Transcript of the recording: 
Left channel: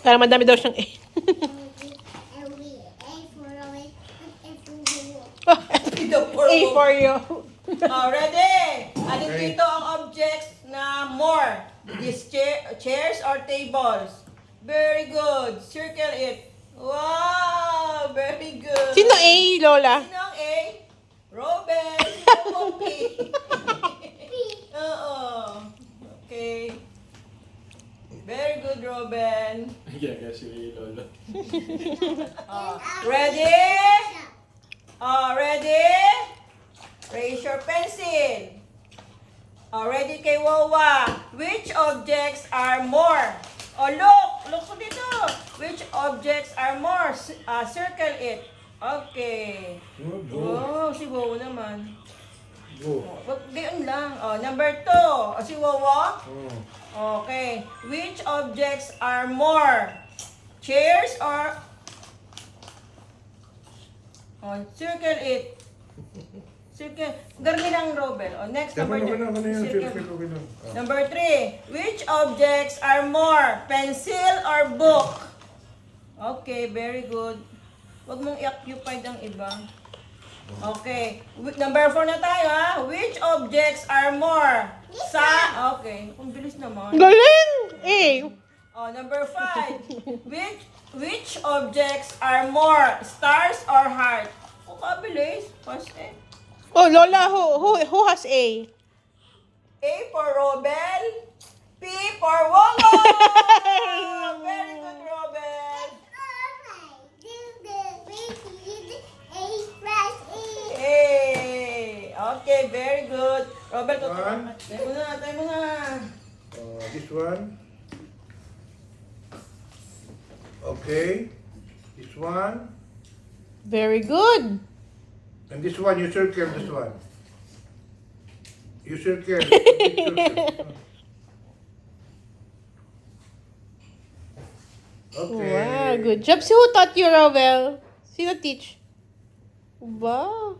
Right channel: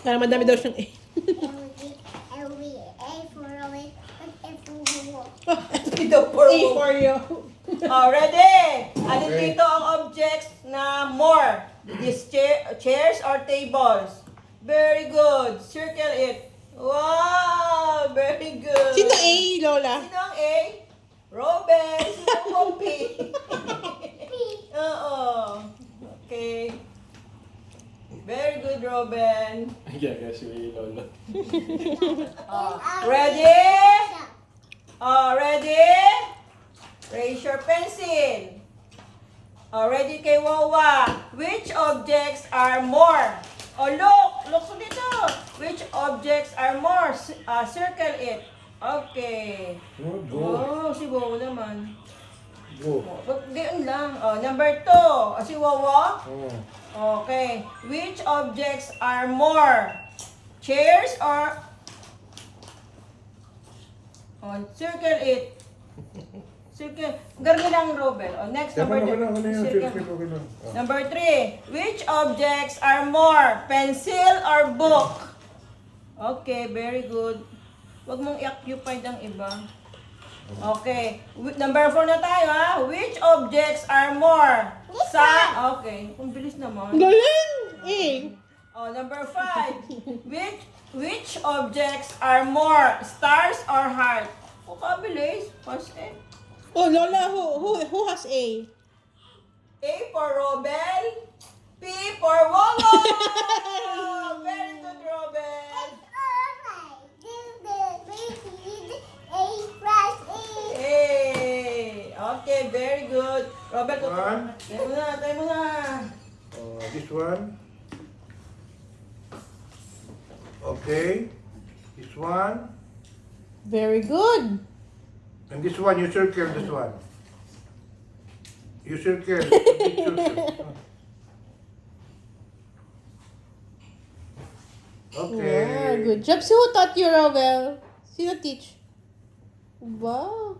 Para madami daw siyang A. A for you. Oh, ready? Alin dito ang objects na more? These chairs or tables? Very good. Circle it. Wow, very good. Sino A, Lola? Sino ang A? Robin. Sino ang P? Oo. Okay. Very good, Robin. Yeah, si Lolo. Ready? Ready? Raise your pencil. Ready kay Wawa. Which objects are more? Oh, look ko dito. Which objects are more? Circle it. Okay. Oh, si Wawa naman. Go. Gayon lang. Number 2. Si Wawa? Oh. Okay. Which objects are more? Chairs or... circle it. Circle. Garni lang, Robel. Next, number 3. Number 3. Which objects are more? Pencil or book? Okay, very good. Huwag mong i-occupied ang iba. Okay. Number 4 na tayo, ha? Which objects are more? Okay. Ang bilis naman. Galing! A. Number 5. Which objects are more? Stars or heart? Kabilis. First A. Oh, Lola, who has A? A for Robel. P for Wawa. Very good, Robel. Hey. Okay, very good. Robel, One. tayo mo na. This one. Okay. This one. Very good. And this one, you circle this one. You circle. Big circle. Okay. Wow, good job. So who taught you, Rowell? Sino teach? Wow.